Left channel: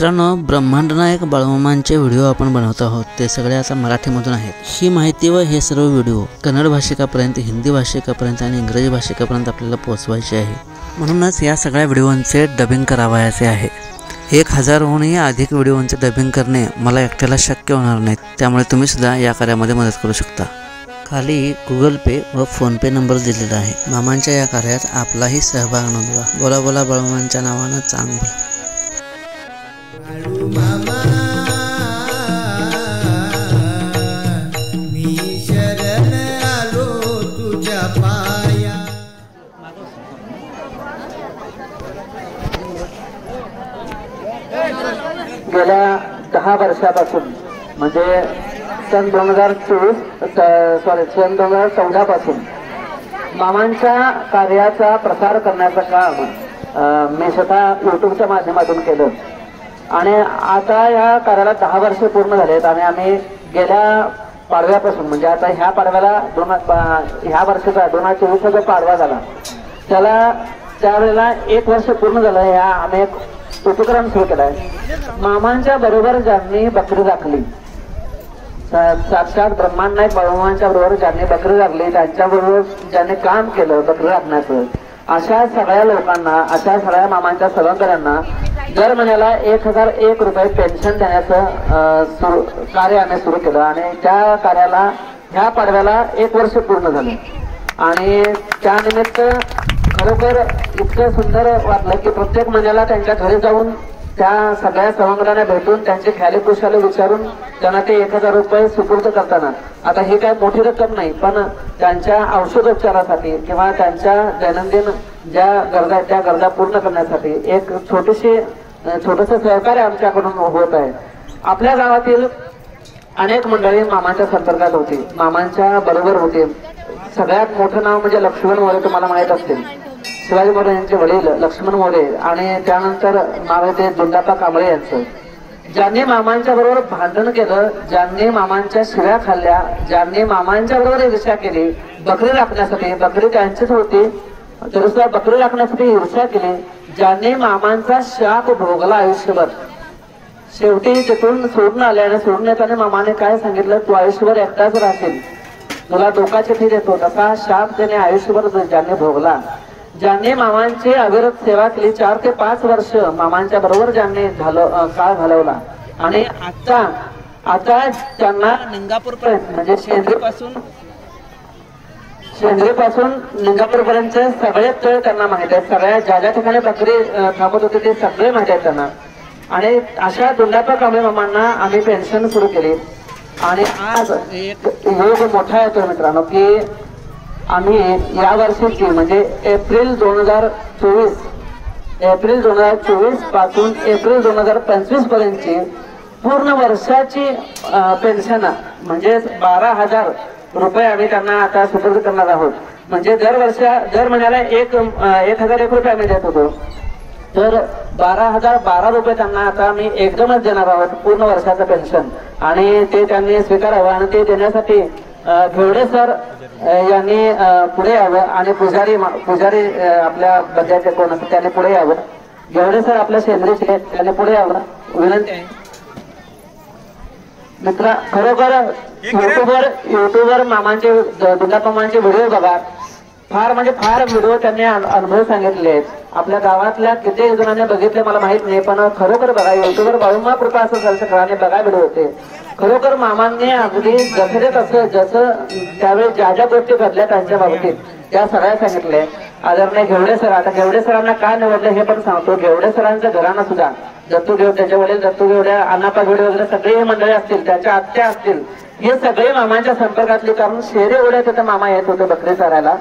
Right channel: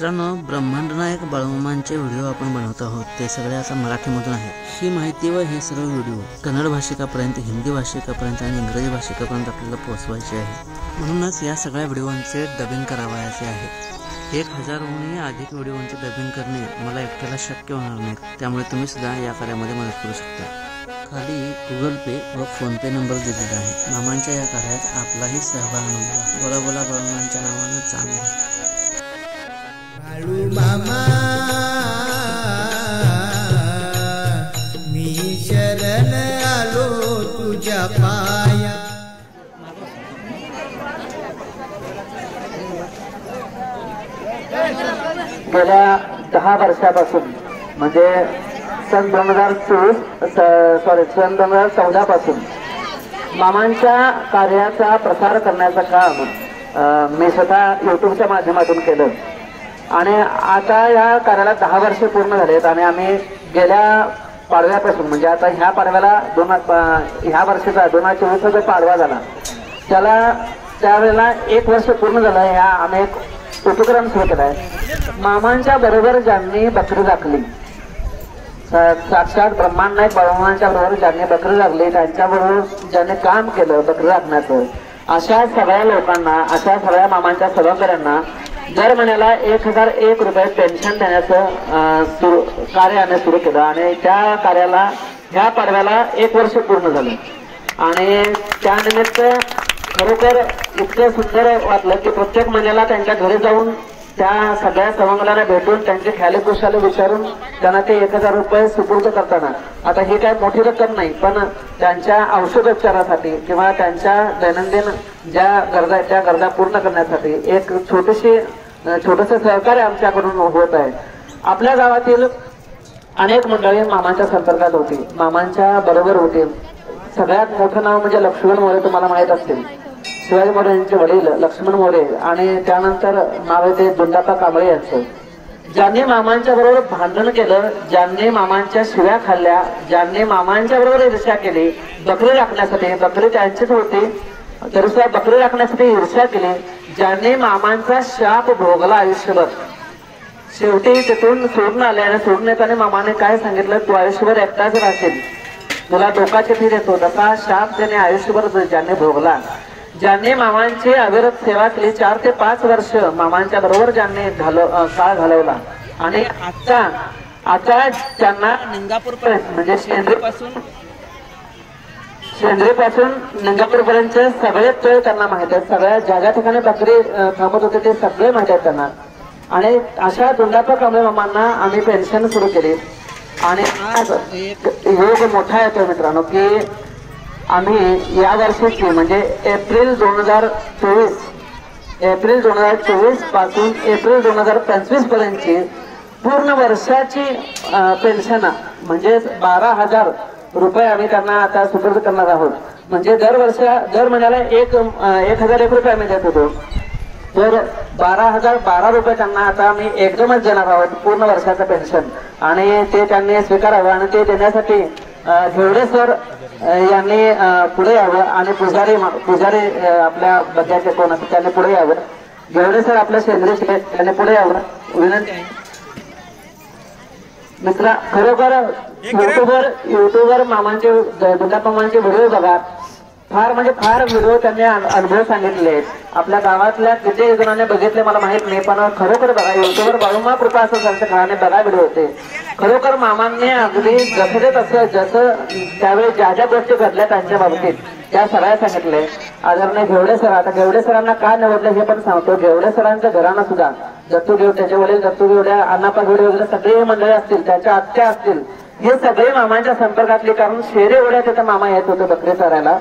मित्रांनो, ब्रह्मांड नायक बाळूमामांचे व्हिडिओ आपण बनवत आहोत, ते सगळे आता मराठीमधून आहेत। ही माहिती व हे सर्व व्हिडिओ कन्नड भाषिकापर्यंत, हिंदी भाषिकापर्यंत आणि इंग्रजी भाषिकापर्यंत आपल्याला पोहोचवायचे आहे। म्हणूनच या सगळ्या व्हिडिओंचे डबिंग करावायचे आहे। 1000हूनही अधिक व्हिडिओंचे डबिंग करणे मला एकट्याला शक्य होणार नाही, त्यामुळे तुम्ही सुद्धा या कार्यामध्ये मदत करू शकता। खाली गुगल पे व फोन पे नंबर दिलेला आहे। मामांच्या या कार्यात आपलाही सहभाग नोंदवा। बोला बोला बाळूमामांच्या नावानं चांगलं। बाळू मामा मी शरण आलो तुझ्या पाया। गेल्या 10 वर्षापासून म्हणजे सन 2014 पासून मामांच्या कार्याचा प्रसार करण्याचं काम मी स्वतः यूट्यूबच्या माध्यमातून केलं आणि आता या कार्याला 10 वर्ष पूर्ण झालेत आणि आम्ही गेल्या पाडव्यापासून म्हणजे आता ह्या पाडव्याला ह्या वर्षाचा 2024 जो पाडवा झाला त्याला त्यावेळेला 1 वर्ष पूर्ण झालं। ह्या आम्ही एक उपक्रम सुरू केलाय। मामांच्या बरोबर ज्यांनी बकरी राखली, साक्षात ब्रह्मांड नायक बाळूमामांच्या बरोबर ज्यांनी बकरी राखली, त्यांच्याबरोबर ज्यांनी काम केलं बकरी राखण्याचं, अशा सगळ्या लोकांना, अशा सगळ्या मामांच्या सदस्यांना दर महिन्याला 1001 रुपये पेन्शन देण्याचं कार्य आम्ही सुरू केलं आणि त्या कार्याला ह्या पाडव्याला 1 वर्ष पूर्ण झालं आणि त्यानिमित्त खरोखर इतकं सुंदर वाटलं की प्रत्येक महिन्याला त्यांच्या घरी जाऊन त्या सगळ्या सवंगरांना भेटून त्यांचे ख्याले खुशाले विचारून त्यांना ते 1000 रुपये सुपूर्द करताना, आता ही काय मोठी रक्कम नाही पण त्यांच्या औषधोपचारासाठी किंवा त्यांच्या दैनंदिन ज्या गरजा आहेत त्या गरजा पूर्ण करण्यासाठी एक छोटंसं सहकार्य आमच्याकडून होत आहे। आपल्या गावातील अनेक मंडळी मामांच्या संपर्कात होती, मामांच्या बरोबर होते। सगळ्यात मोठं नाव म्हणजे लक्ष्मण मोरे, तुम्हाला माहित असतील, शिवाजी मोरे यांचे वडील लक्ष्मण मोरे आणि त्यानंतर नाव आहे ते दुंडापा कांबळे यांचं। ज्यांनी मामांच्या बरोबर भांडण केलं, ज्यांनी मामांच्या शिव्या खाल्ल्या, ज्यांनी मामांच्या बरोबर ईर्ष्या केली, बकरी राखण्यासाठी, बकरी त्यांचीच होती तरी सुद्धा बकरी राखण्यासाठी ईर्ष्या केली, ज्यांनी मामांचा शाप भोगला आयुष्यभर, शेवटी तिथून सोडून आले आणि सोडून येताना मामाने काय सांगितलं, तू आयुष्यभर एकटाच राहशील, तुला डोकाची फी देतो, तसा शाप त्याने आयुष्यभर ज्यांनी भोगला, ज्यांनी मामांची अविरत सेवा केली, 4 ते 5 वर्ष मामांच्या बरोबर ज्यांनी काळ घालवला आणि आता त्यांना निंगापूर पर्यंत म्हणजे शेंद्री पासून निंगापूर पर्यंत सगळे तळ त्यांना माहित आहेत, सगळ्या ज्या ठिकाणी बकरी थांबत होते ते सगळे माहित आहेत त्यांना। आणि अशा दुंडापा कांबळे मामांना आम्ही पेन्शन सुरू केली आणि आज एक योग मोठा येतो मित्रांनो की आम्ही या वर्षीची म्हणजे एप्रिल 2024 पासून एप्रिल 2025 पर्यंतची पूर्ण वर्षाची पेन्शन म्हणजे 12,000 रुपये आम्ही त्यांना आता सुपूर्द करणार आहोत। म्हणजे दर महिन्याला 1001 रुपये आम्ही देत होतो, तर 12,012 रुपये त्यांना आता आम्ही एकदमच देणार आहोत पूर्ण वर्षाचं पेन्शन आणि ते त्यांनी स्वीकारावं आणि ते देण्यासाठी घेवडे सर यांनी पुढे यावं आणि पुजारी आपल्या बद्याचे कोण असतात त्यांनी पुढे यावं, घेवडे सर आपल्या शेंद्रीचे त्यांनी पुढे यावं विनंती आहे। मित्रा, खरोखर युट्यूबवर मामांचे दुंडापामांचे व्हिडिओ बघा, फार व्हिडिओ त्यांनी अनुभव सांगितले आहेत। आपल्या गावातल्या किती जणांनी बघितले मला माहित नाही, पण खरोखर बघा, युट्यूबवर बाळूमामा कृपा असं सगळ्यांनी बघा व्हिडिओ होते। खरोखर मामांनी अगदी जसं त्यावेळी ज्या ज्या गोष्टी घडल्या त्यांच्या बाबतीत त्या सगळ्या सांगितले। आदरणीय घेवडे सर, आता घेवडे सरांना का निवडलं हे पण सांगतो। घेवडे सरांच्या घरांना सुद्धा दत्तू घेवडे, त्याच्या वडील दत्तू घेवडे, अण्णापा घेवडे वगैरे सगळे मंडळी असतील, त्याच्या आत्या असतील, हे सगळे मामांच्या संपर्कातले, कारण शेरे ओढ्यात तिथं मामा येत होते बकरी चारायला,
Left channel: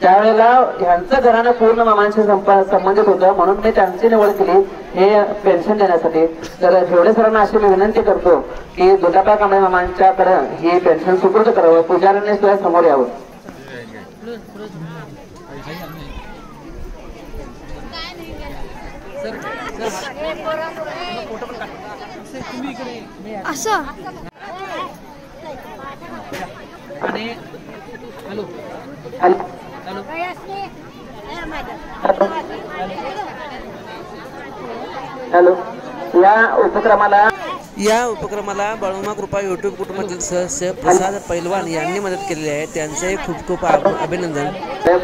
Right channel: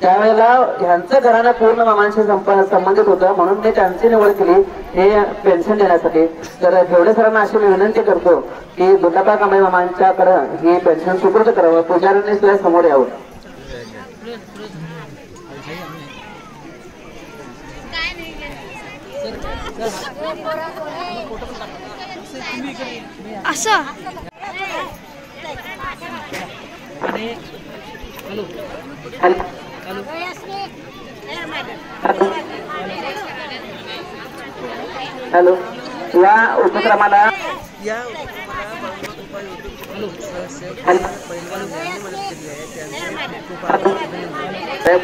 त्यावेळेला ह्यांचं घराणं पूर्ण मामांशी संबंधित होतं, म्हणून मी त्यांची निवड केली हे पेन्शन देण्यासाठी। तर घेवडे सरांना अशी मी विनंती करतो की दुंडापा कांबळे मामांच्याकडे ही पेन्शन सुपूर्द करावं, पुजाऱ्यांनी सुद्धा समोर यावं। असं आणि हॅलो हॅलो हॅलो या उपक्रमाला बाळूमामा कृपा यूट्यूब कुटुंबातील सदस्य प्रसाद पैलवान यांनी मदत केलेली आहे. त्यांचे खूप खूप अभिनंदन.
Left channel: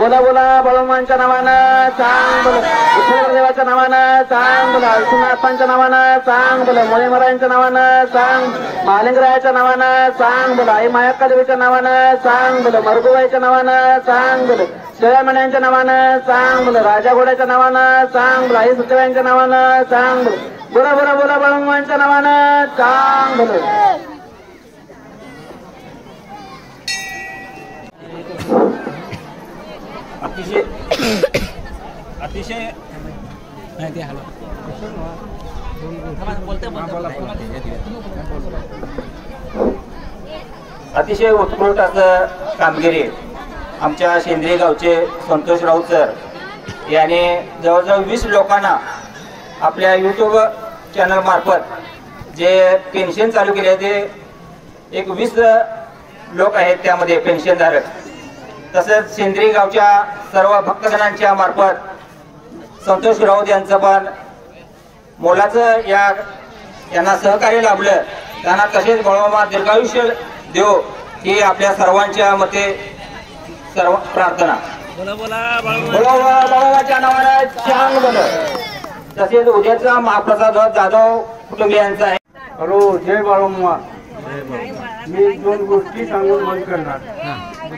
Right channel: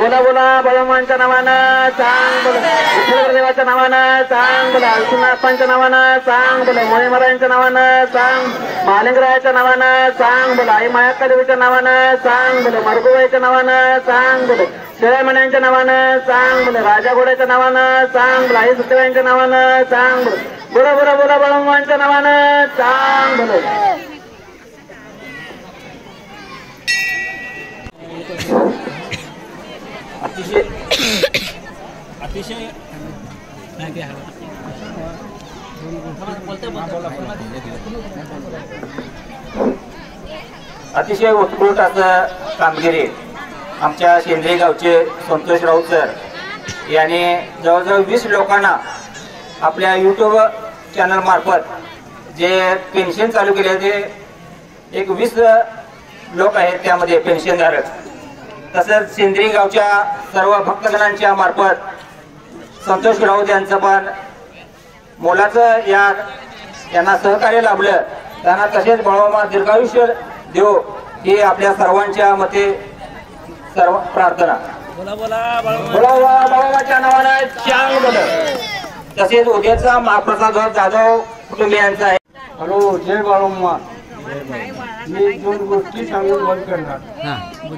बोला बोला बाळूमामांच्या नावानं सांग बोला, विठ्ठलदेवाच्या नावानं सांग बोला, विष्णुनाथांच्या नावानं सांग बोला, मोळे महाराजांच्या नावानं सांग, मालिंगरायाच्या नावानं सांग बोला, आई मायाक्का देवीच्या नावानं सांग बोला, मरगुबाईच्या नावानं सांग बोला, शेळ्यामण्यांच्या नावानं सांग बोला, राजा घोड्याच्या नावानं सांग बोला, आई सुतरायांच्या नावानं सांग बोला, बोला बोला बोला बाळूमामांच्या नावानं सांग बोला. अतिशय अतिशय उत्कृष्ट असं कामगिरी आमच्या शेंद्रे गावचे संतोष राऊत सर याने जवळजवळ 20 लोकांना आपल्या यूट्यूब चॅनल मार्फत जे पेन्शन चालू केले ते एक 20 लोक आहेत त्यामध्ये पेन्शनधारक. तसंच शेंद्री गावच्या सर्व भक्तजनांच्या मार्फत संतोष राऊत यांचं पण मोलाचं यांना सहकार्य लाभलं. त्यांना तसेच बाळूमामा दीर्घायुष्य देव ही आपल्या सर्वांच्या मते सर्व प्रार्थना. बाळूमामाच्या नावानं चांग बोल. तसेच उद्याचा महाप्रसाद जाधव कुटुंबियांचा आहे. हॅलो, जय बाळूमामा. मी 2 गोष्टी सांगून बंद करणार.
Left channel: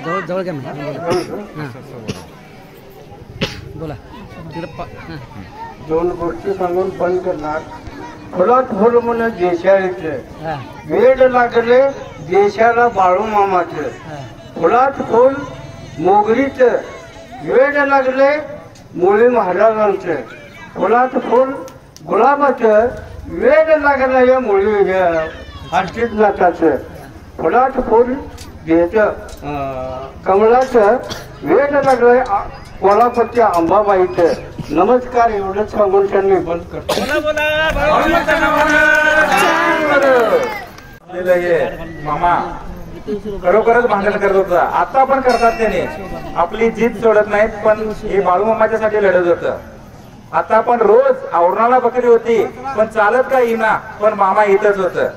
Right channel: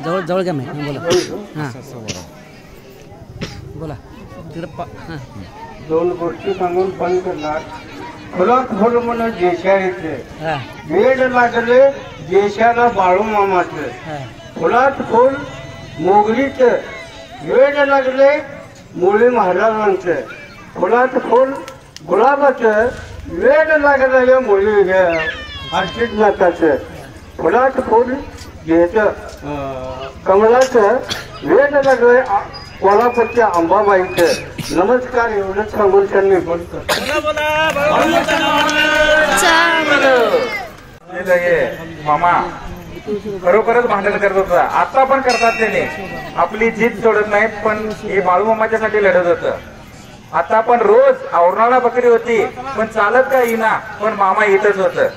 जवळ जवळ घ्या बोला. 2 गोष्टी सांगून बंद करणार. फुलात फुल म्हण देशाळीचे, वेड लागले देशाला बाळूमामाचं. फुलात फुल मोगरीचं, वेड लागले मुळी महाराजांचं. फुलात फुल गुलाबाचं, वेड लागलं मुळी अर्जितनाथाचं. फुलात फुल घ्यायचं कमळाचं, वेड लागलंय कोल्हापूरच्या अंबाबाईचं. नमस्कार, एवढंच सांगून त्यांनी बंद करतो. मामा खरोखरच भांडण करत होता. आता पण करतात त्याने, आपली जीत सोडत नाहीत. पण हे बाळूमामाच्यासाठी लढत होतं. आता पण रोज औरणाला बकरी होती पण चालत काय येईना, पण मामा इथंच होतं.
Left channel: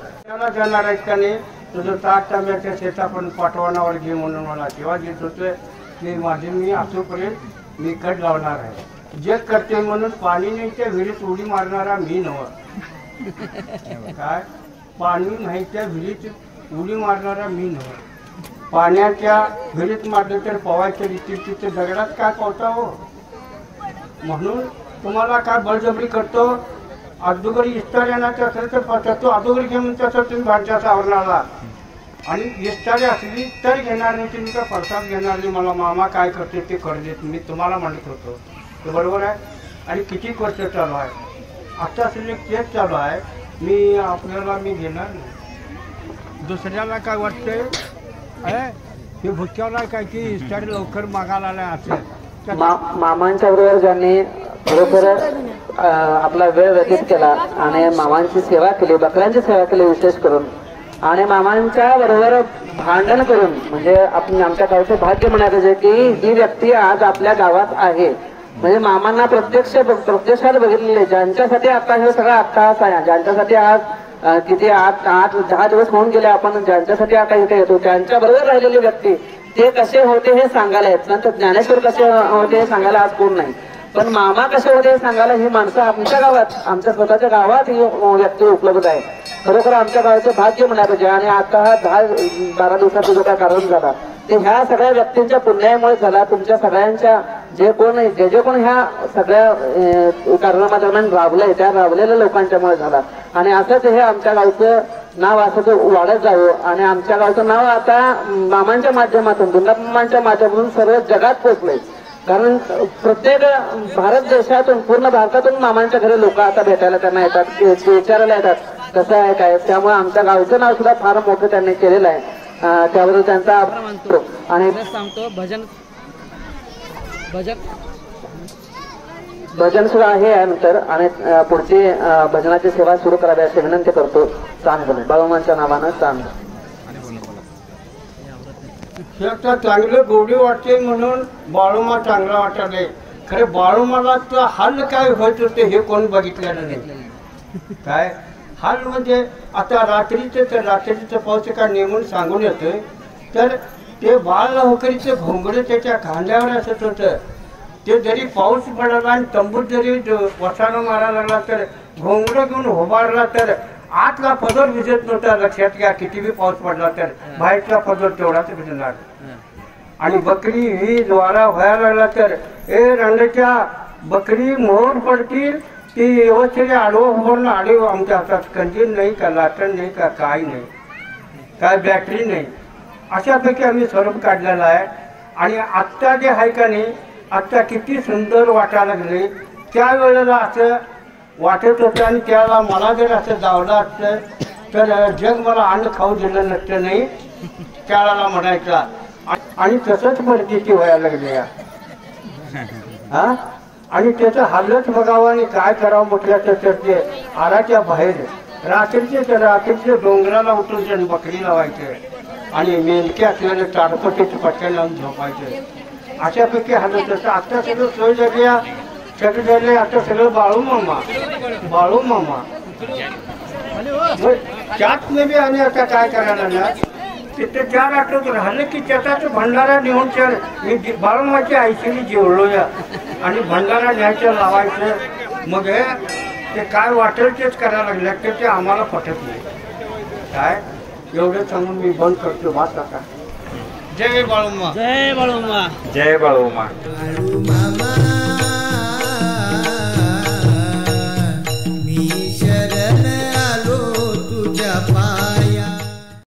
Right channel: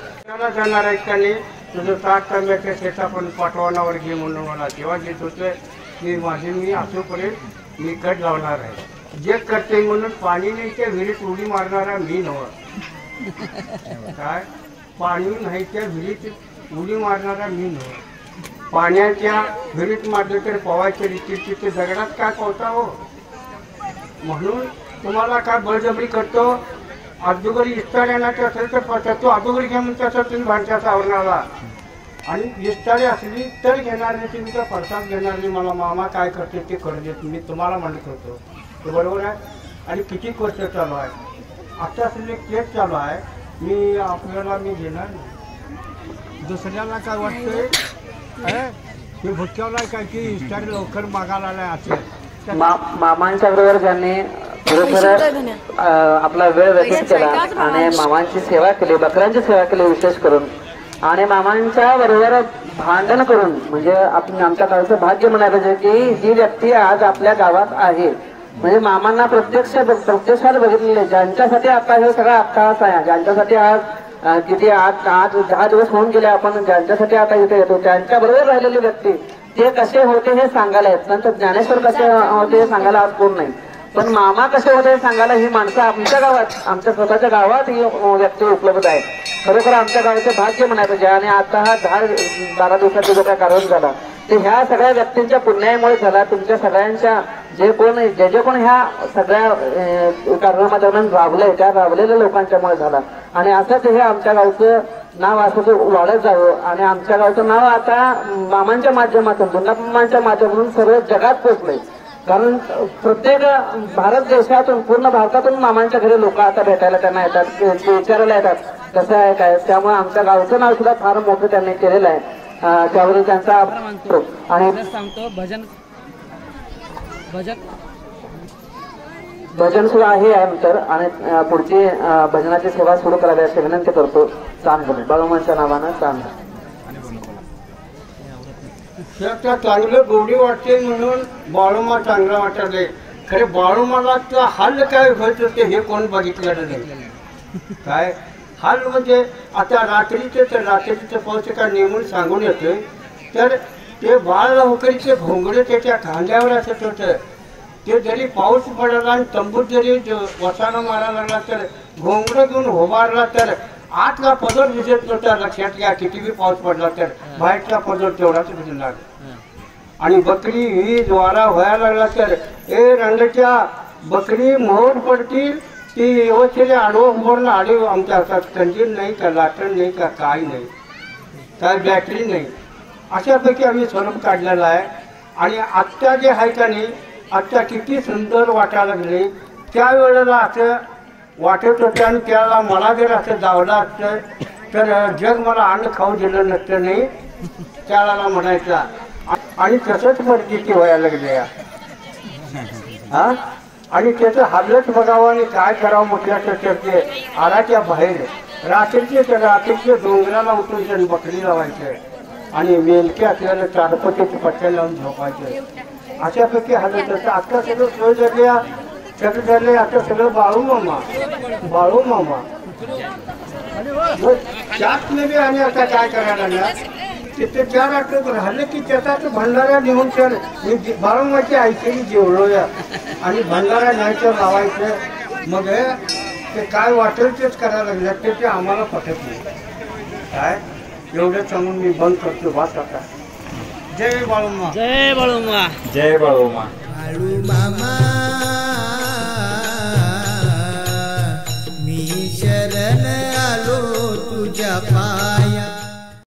जाणार आहेत का नाही, तुझं 7 तांब्याच्या शेता पण पाठवणावर घे म्हणून मला तेव्हा देत होतं की मी अजूनपर्यंत मी कट लावणार आहे. जे करते म्हणून पाणी नाही त्या विहिरीत उडी मारणारा मी नव्हे. काय पाणी नाही त्या विहिरीत उडी मारणारा मी नव्हे. पाण्याच्या विहिरीत मारलं तर पवायच्या रीतीची ते दगडात काय पवता हो. म्हणून तुम्हाला काय बळजबरी करतो. अगोदरी इस्तार येण्याचं असेल तर पडतात, तो अगोदरी घेऊन त्याचा तुम्ही भांडच्याचा आवरणाला. आणि इस्तारी असली तर घेणार नाही, तुम्ही तर प्रसाद घेणार नाही. मला मामा काय करते ते करू देत, मी तुम्हाला म्हणत होतो. तो बरोबर आहे. आणि किती वर्ष चालू आहे, आता असलेले केस चालू आहे. मी घेणार नाही. दुसऱ्याला काय वाटतंय मी भुक्यावला काय की इस्तारी लवकर मागायला आलाय असेल. मामांच्या बरोबर ज्यांनी खरोखर आपला वेळ व्यतीत केला आणि मामांची सेवा केली, बकऱ्यांची सेवा केली विशेष करून, आणि मामांच्या बरोबर भांडण करून, म्हणजे आपण आमच्या गावचं भाग्य म्हणायला पाहिजे की ही व्यक्ती आज आपल्या गावात आहे. म्हणजे मामांना प्रत्यक्षात बघितलेले, ज्यांच्यासाठी आता हे सगळा अट्टहास आहे, ज्यांच्यासाठी आज किती 8-10 दिवस होऊन गेले आपण ज्यांच्यासाठी आता इथे येतो, त्यांच्या बरोबर राहिलेली व्यक्ती ते कसे होते हे सांगायला येत. नंतर ज्ञानेश्वर कसे होते हे सांगायला आज कोण नाही, पण मामा कसे होते हे सांगायला ही माणसं आमच्या गावात, आमच्या स्वतःच्या गावात ही व्यक्ती उपलब्ध आहे. खरोखर आमच्या गावाचं भाग्य म्हणायला पाहिजे. आणि आता हा 10-12 दिवसाचा जो काय कार्यक्रम झाला ते ह्या सगळ्या व्यक्तींच्या पुण्यामुळे झाला. तुमच्या सगळ्यांच्या जे कोण ह्या सगळ्या कार्यक्रमादरम्यान राबलंय त्या राबलेल्या लोकांच्यामुळे झाला. आणि असंच हे आमच्या गावचं नाव असं वाढत जावं. आणि आमच्या गावचं नाव आता मामांच्या माध्यमातून, दुर्गामामांच्या माध्यमातून सर्व जगात पोहोचलंय. कारण प्रत्येक भारत देशातून, पूर्ण भारतातून मामांच्या घरी लोक आता भेटायला त्यांना येतात, विचारायला येतात कसं आहे काय. त्यामुळे आमच्या गावचं नाव सुद्धा फार मोठं त्यांनी केलेलं आहे. त्याबद्दल त्यांचा आभार मानतो. आणि सांगतो भजन सुद्धा आहे नंतर, आणि पुढची भजनाची सेवा सुरू करावी अशी विनंती करतो. बाळूमामांच्या नावानं चांद. चांगलं गोडी वाटते म्हणून बाळूमा चांगला वाटले. खरे बाळूमाला तो हाल काय होत होते हे कोण बघितलेलं नाही. काय हाल म्हणजे आता रात्रीचं पाऊस का नेमून सांगून येतोय तर ते बाळ होकरीचे घोंगडे त्याच्या खांद्यावर असत होतं. ते जरी पाऊस पडाला आणि तंबूत जरी वसानं मारायला लागला तर घोंगडं घेऊन उभारला तर आतला पदर भिजत नव्हता. लक्षात घ्या, किती बी पाऊस पडला तर बाहेरचा पदर तेवढाच भिजणार. आणि बकरी ही द्वारा व्हायला लागला तर ए रंगाच्या बकरी मोहर पडतील ती व्यवस्थित आलो उभारून आले. आमच्या हातात कंजील नाही का, लाटण नाही का, काय नाही, काय बॅटरी नाही, अशापैकी आम्ही स्वरूप काढलेला आहे. आणि आत्ता जे आहे का नाही, आत्ता किती सुंदर वाटायला लागले. त्यावेळेला असं वाटत होतं आणि त्याला मला जर असं जावलं असतं तर जग मला अन्न खाऊ दिलं नसतं नाही त्याला म्हणायचा. आणि तसंच परिस्थिती व्हायला लागली हा. आणि त्याचं हालत बघावं आणि काय करावं म्हटलं तर ते आराच्या बाहेर रात्रीचे डोंगराला उठून त्यानं बकरी लावायचं आणि मेलके असलेलं ताडपत्रीचं पट्ट्या लावून झोपायचं. अशापैकी हालत असतं. आता सगळं सोय झाली, सगळं झालं. आता सगळं बाळू मामा त्यात बी आम्ही आता काय करायला ना तिथे 4 आठवत राहिलं की त्याचा तो भंडारा नेऊन तर मी बाळूमाची आईशी जेवलो या आणि भंडारा न्यायचं लावायचं. मग ते काय वाटेल तेच करायला लागलं तर ते आम्हाला पटत नाही. काय एवढं सांगून मी बंद करतो बस आता. जय बाळूमा, जय बाळूमा, जय बाळूमा. बाळू मामा मी शरण आलो तुझ्या